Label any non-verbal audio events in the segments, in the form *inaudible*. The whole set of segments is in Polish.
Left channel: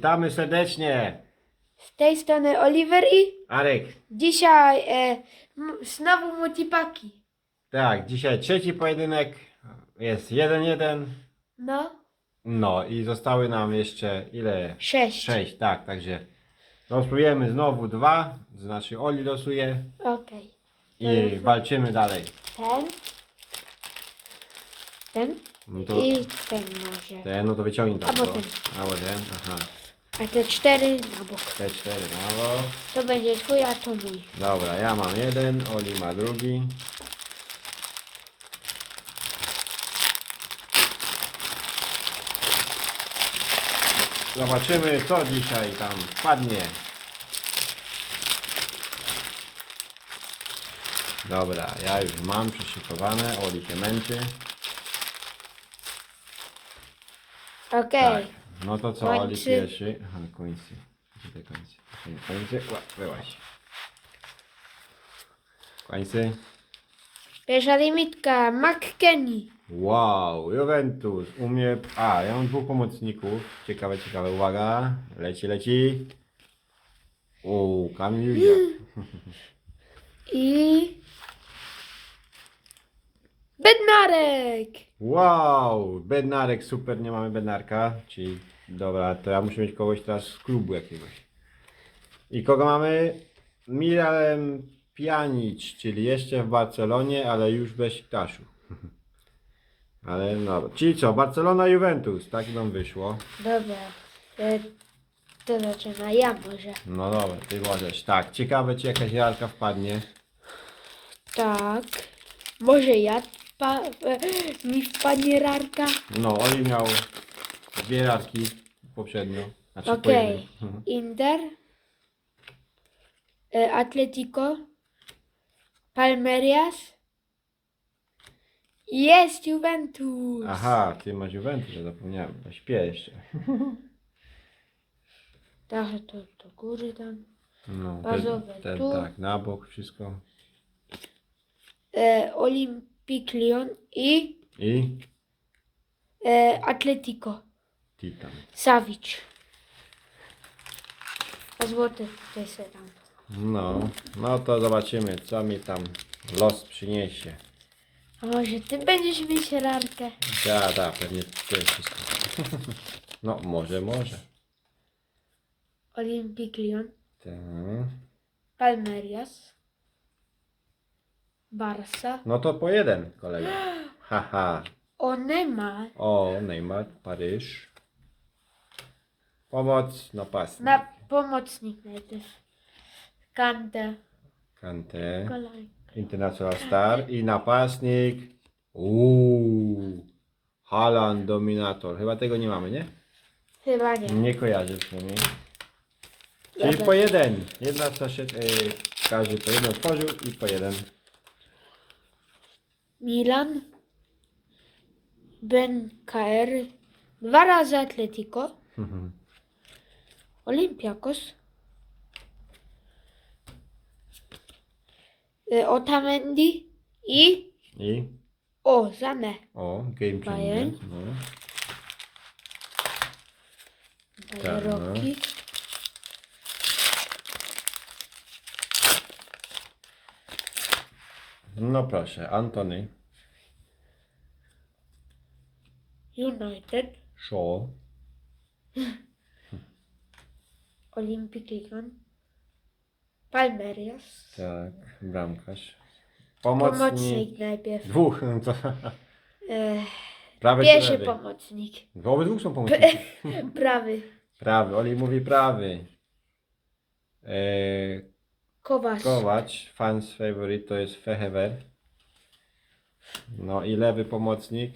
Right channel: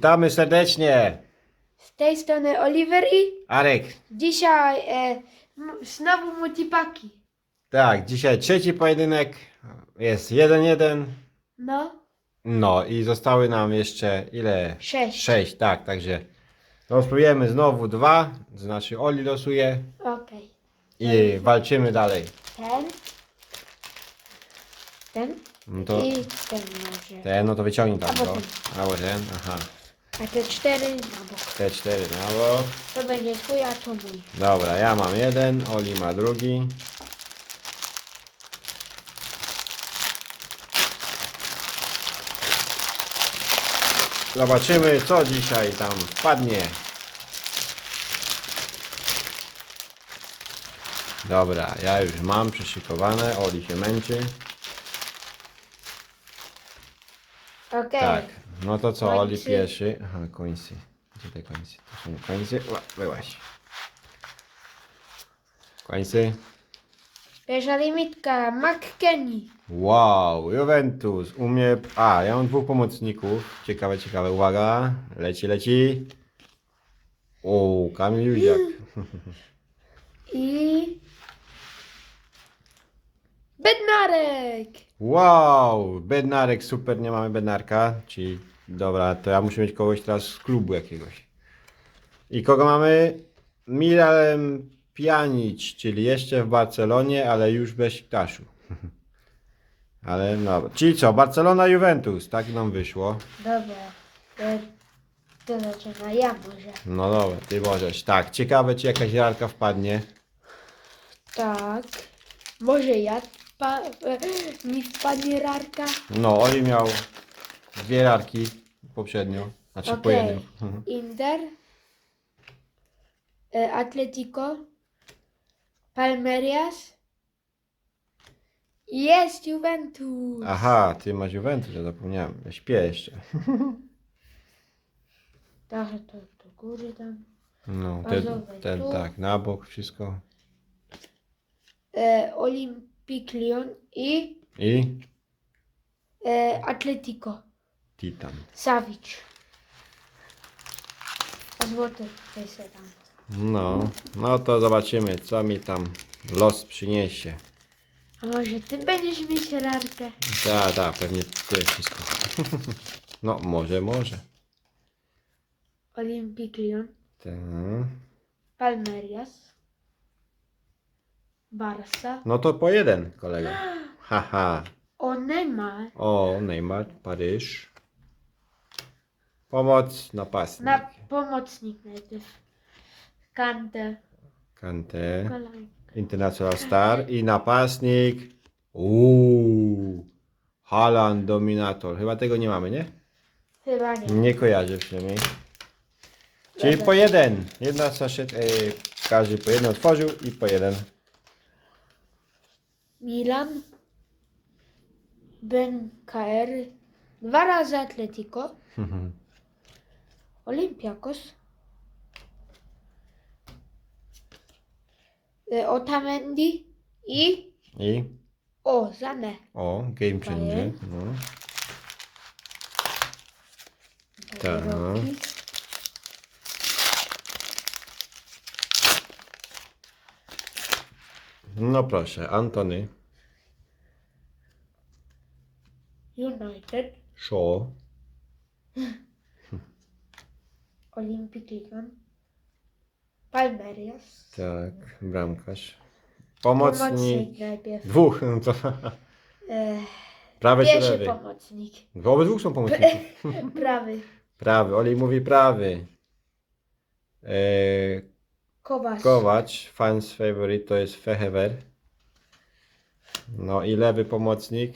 Witamy serdecznie. Z tej strony Oliver i Arek, dzisiaj e, m- znowu multipaki. tak, dzisiaj trzeci pojedynek. Jest 1-1. No, No i zostały nam jeszcze ile? sześć. 6, tak, także losujemy znowu dwa, znaczy Oli losuje Okej. i walczymy dalej. Ten. Ten. No to I ten może. te, no to wyciągnij tam, Albo no. ten. Albo ten, aha. A te cztery, no, Te cztery, brawo. to będzie twój, a to mój. Dobra, ja mam jeden, Oli ma drugi. Zobaczymy, co dzisiaj tam wpadnie. Dobra, ja już mam przyszykowane, Oli się męczy. Okej. Tak, no to co, Oli Końcy. pierwszy. Aha, końcy. Gdzie te końcy? To są końcy. Ła, Byłaś. Końcy. Pierwsza limitka, McKenny. Wow, Juventus. U mnie. A, ja mam dwóch pomocników. Ciekawe, ciekawe. Uwaga. Leci, leci. O, Kamil Józiak. I... Bednarek. Wow, Bednarek, super, nie mamy Bednarka. Czyli, dobra, to ja muszę mieć kogoś teraz z klubu jakiegoś. I kogo mamy? Miralem Pjanic, czyli jeszcze w Barcelonie, ale już bez Taszu. *laughs* Ale no, czyli co, Barcelona, Juventus, tak nam wyszło. Dobra. E, to zaczyna ja może. No dobra, ty możesz. Tak, ciekawe czy jakaś lalka wpadnie. Tak. Może ja pa, e, mi wpadnie rarka? No, Oli miał dwie larki poprzednio. Znaczy po Okej. jednej. Mhm. Inter. E, Atletico. Palmerias. Jest Juventus. Aha, ty masz Juventus, ja zapomniałem. Ja śpię jeszcze. Trochę to do góry tam. No, Bazowe ten, ten tu. tak, na bok wszystko. E, Olympic Lyon i I e, Atletico. Titan. Savic. Złoty tutaj tam. No, no to zobaczymy, co mi tam los przyniesie. A może ty będziesz mieć rarkę? Tak, tak, pewnie to jest wszystko. *laughs* No, może, może. Olympic Lyon. Tak. Palmerias. Barca. No to po jeden, kolega. Haha. *gasps* O Neymar. O, Neymar, Paryż. Pomoc, napastnik. Na pomocnik najpierw. Kante. Kante. International Star i napastnik. Uuu. Haaland, Dominator. Chyba tego nie mamy, nie? Chyba nie. Nie kojarzę przynajmniej. Czyli po jeden. Jedna saszet, e, każdy po jeden otworzył i po jeden. Milan. Ben KR. Dwa razy Atletico. Olympiakos. Y, Otamendi i I o Zane. o, game changer. Bayern. No. Tak. Roki. No proszę, Antony, United. Shaw, *laughs* Olympic Lyon. Palmerias. tak, bramkarz. Pomocnik. Pomocnik najpierw. Dwóch, no to *laughs* E, prawy czy pierwszy lewy? pomocnik. Są pomocnicy. *laughs* Prawy. Prawy, Oli mówi prawy. E, Kowasz. Kowacz, fans favorite to jest Fehever. No i lewy pomocnik.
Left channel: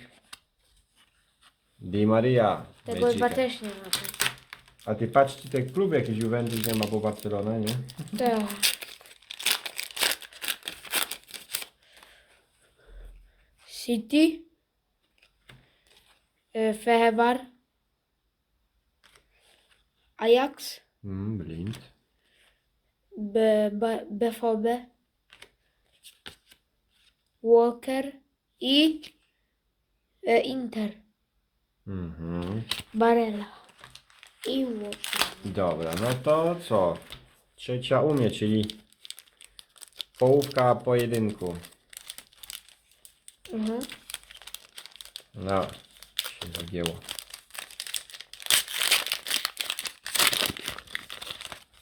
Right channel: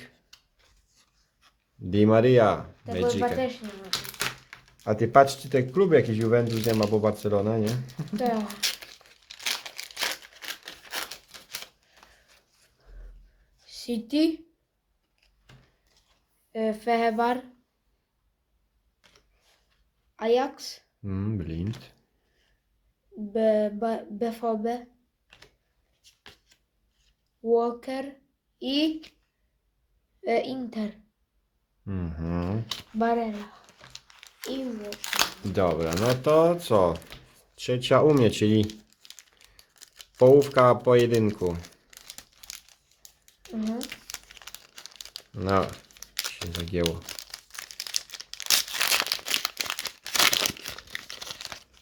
Di Maria. Tego chyba też nie ma. A ty patrz, czy ten klub jakiś Juventus nie ma, bo Barcelona, nie? Tak. City. E, Fehebar. Ajax. Mm, blind. B, B, BVB. Walker. I e, Inter. Mhm. Barella. I włóczę. Dobra, no to co? Trzecia u mnie, czyli połówka pojedynku. Mhm. No, się zagięło.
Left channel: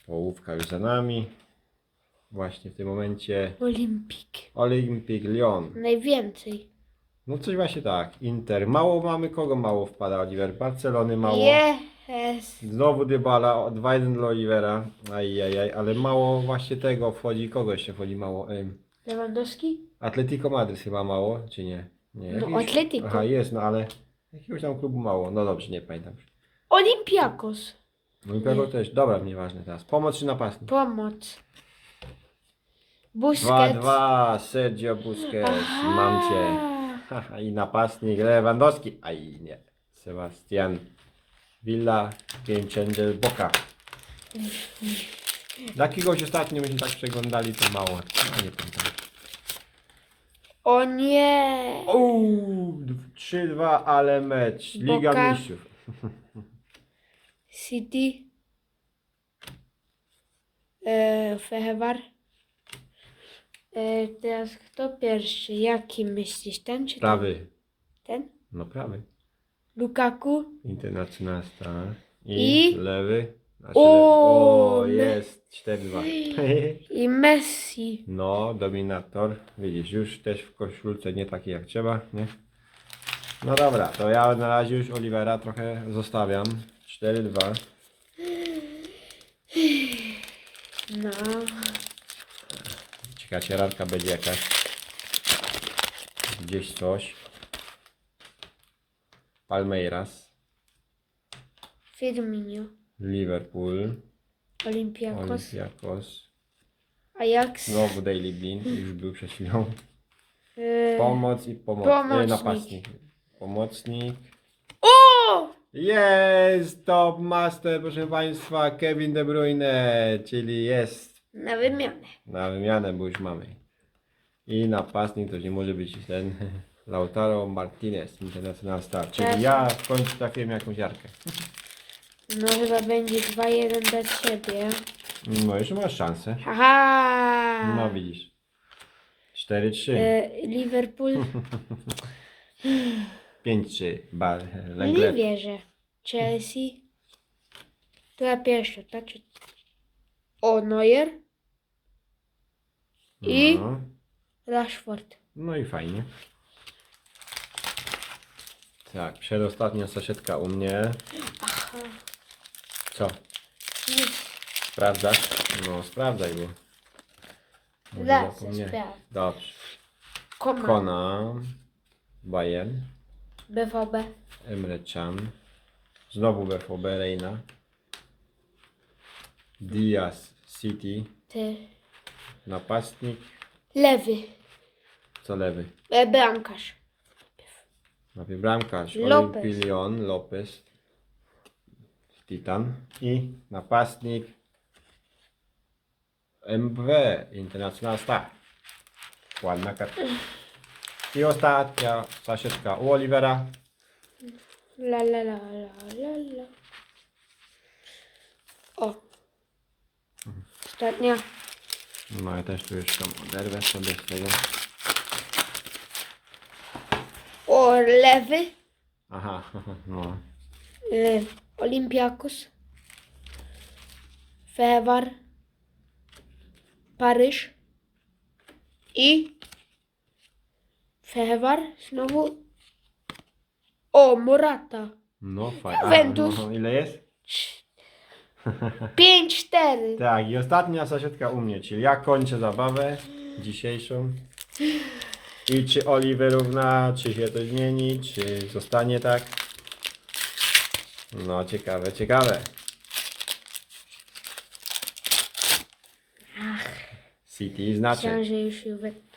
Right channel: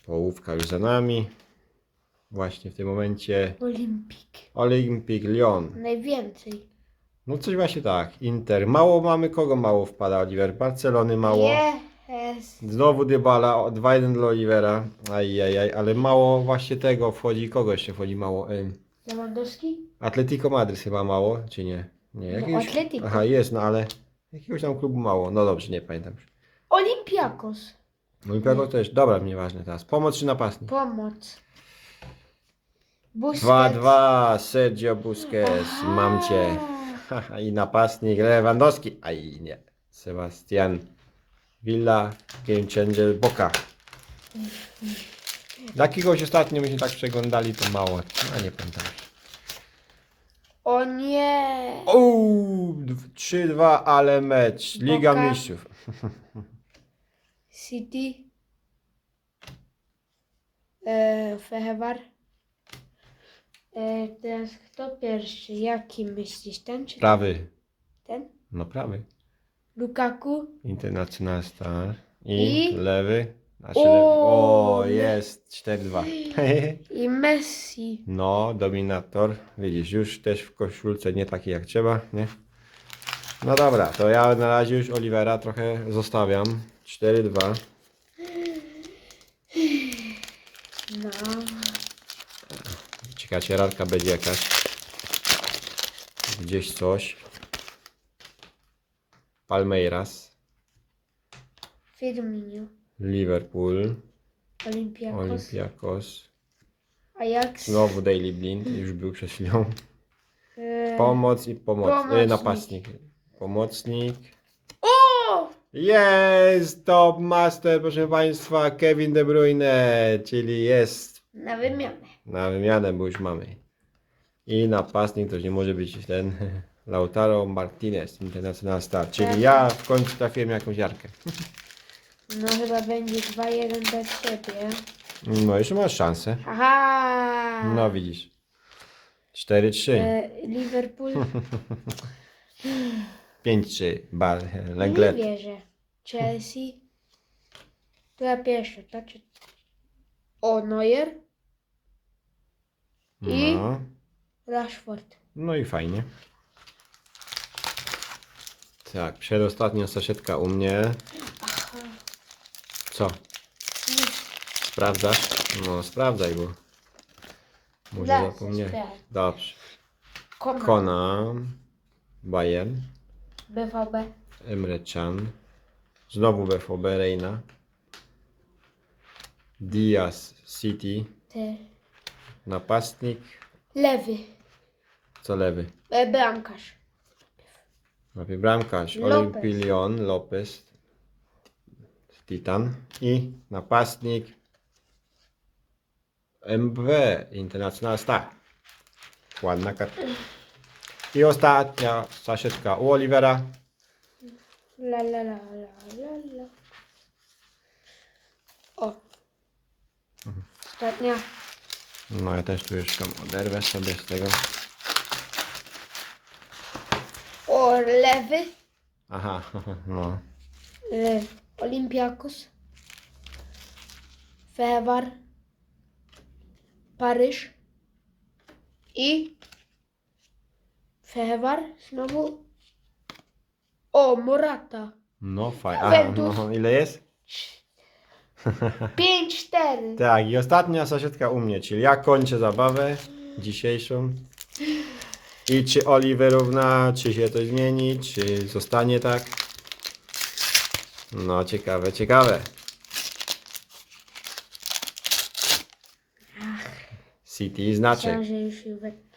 Połówka już za nami. Właśnie w tym momencie Olimpik. Olympic Lyon. Najwięcej. No coś właśnie tak. Inter. Mało mamy. Kogo mało wpada Oliver? Barcelony mało. Jest. Znowu Dybala. 2-1 dla Olivera. Ajajaj, ale mało właśnie tego wchodzi. Kogo jeszcze wchodzi mało? Ym, Lewandowski? Atletico Madryt chyba mało, czy nie? Nie. No, Atletico. Aha, jest, no ale jakiegoś tam klubu mało. No dobrze, nie pamiętam. Olimpiakos. No i kogo też. Dobra, nieważne teraz. Pomoc czy napastnik? Pomoc. Busquets. 2-2, Sergio Busquets, mam cię. *laughs* Haha, I napastnik Lewandowski. Aj nie. Sebastian Villa, Game Changer Boka. Jakiegoś ostatnio myśmy tak przeglądali, to mało. No nie pamiętam. O nie. Uuu, 3-2, ale mecz. Liga Boka. Mistrzów. *laughs* City. E, Fehewar. E, teraz kto pierwszy? Jaki myślisz? Ten czy ten? Prawy. ten? No prawy. Lukaku. International Star. I, I? lewy. Znaczy O, o jest 4-2. *gasps* I Messi. No, dominator. Widzisz, już też w koszulce nie taki jak trzeba, nie? No dobra, to ja na razie już Olivera trochę zostawiam. 4-2. No. Ciekawe, rarka będzie jakaś. Gdzieś coś. Palmeiras. Firmino. Liverpool. Olympiakos. Olympiakos. Ajax. Znowu Daily Blind, już był przed chwilą. E, Pomoc i pomoc. Pomocnik. E, napastnik. Pomocnik. Jest top master, proszę Państwa, Kevin De Bruyne, czyli jest Na wymianę. na wymianę, bo już mamy. I napastnik to już nie może być ten Lautaro Martinez, International Star, czyli Tak. ja w końcu trafiłem jakąś jarkę. No chyba będzie 2-1 dla ciebie. No jeszcze masz szansę. Aha! No widzisz. 4-3, E, Liverpool. *laughs* 5-3, Bar, Nie Lenglet. wierzę. Chelsea. To ja pierwszy, tak? Czy- O, Neuer. I? No, Rashford. no i fajnie. Tak, przedostatnia saszetka u mnie. Co? Nie, Sprawdzasz? No sprawdzaj, bo może Zaraz zapomniałem. sprawdzę. Dobrze. Kona. Kona, Bayern, BVB. Emre Can, znowu BVB Reina, Diaz City, Ty. napastnik, Lewy. co lewy? E, bramkarz. Lewy bramkarz, Lopez. Lopez, Titan i napastnik MW International Star. Ładna karta. I ostatnia saszetka u Olivera. La la la la la la. O. Ostatnia. No ja też tu już tam oderwę sobie z tego. O, lewy. Aha, *laughs* no. E, Olympiakos. Fewar. Paryż. I Fewar znowu. O, Morata. No fajnie. Juventus. No, ile jest? 5-4. *laughs* Tak, i ostatnia saszetka u mnie, czyli ja kończę zabawę dzisiejszą. I czy Oliver równa, czy się to zmieni, czy zostanie tak? No ciekawe, ciekawe. City znaczy. Myślałem, że już Juventus.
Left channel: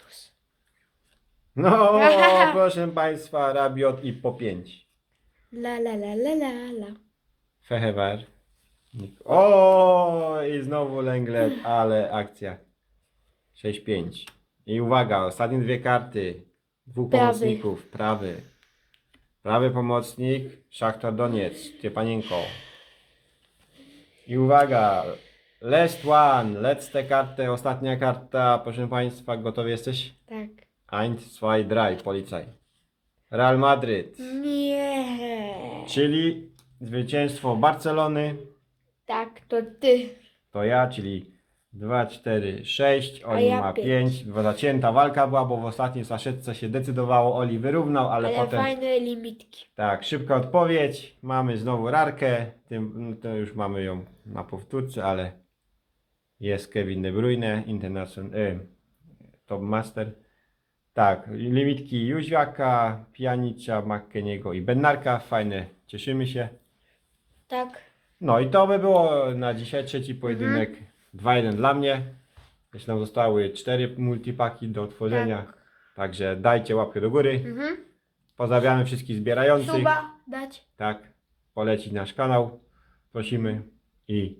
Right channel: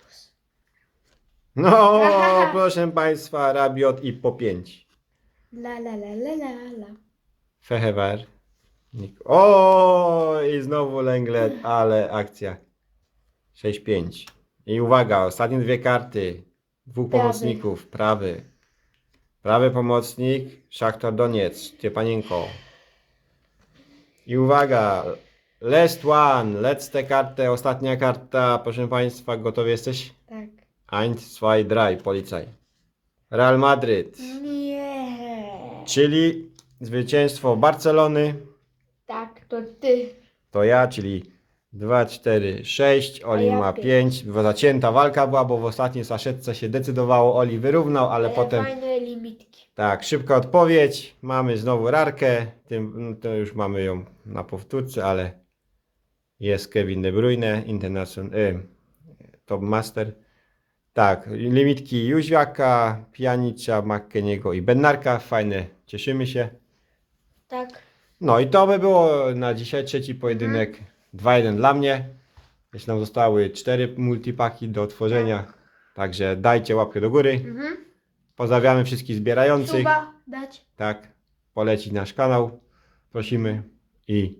No, *laughs* proszę Państwa, Rabiot i po 5. La la la la la la. Fehewer. Nik- O, i znowu Lenglet, ale akcja. 6-5. I uwaga, ostatnie dwie karty. Dwóch Prawy. pomocników. Prawy. Prawy pomocnik, Szachtar Doniec, Ciepanienko. I uwaga, last one, let's tę kartę, ostatnia karta, proszę Państwa, gotowi jesteś? Tak. Eins, zwei, drei, policaj. Real Madryt, Nie. czyli zwycięstwo Barcelony, Tak, to ty. to ja, czyli 2, 4, 6, Oli ja ma pięć. 5, bo zacięta walka była, bo w ostatniej saszetce się decydowało, Oli wyrównał, ale Ale potem... fajne limitki. Tak, szybka odpowiedź. Mamy znowu rarkę. Tym, to już mamy ją na powtórce, ale jest Kevin De Bruyne, International, e, Top Master. Tak, limitki Jóźwiaka, Pjanicza, McKeniego i Bednarka. Fajne, cieszymy się. Tak. No i to by było na dzisiaj trzeci pojedynek. 2-1 dla mnie. Jeszcze nam zostały cztery multipaki do otworzenia. Także dajcie łapkę do góry. Mhm. Pozdrawiamy wszystkich zbierających. Suba dać. tak, polecić nasz kanał, prosimy i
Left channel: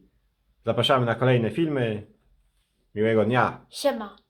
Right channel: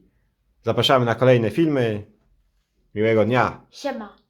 zapraszamy na kolejne filmy. Miłego dnia. Siema.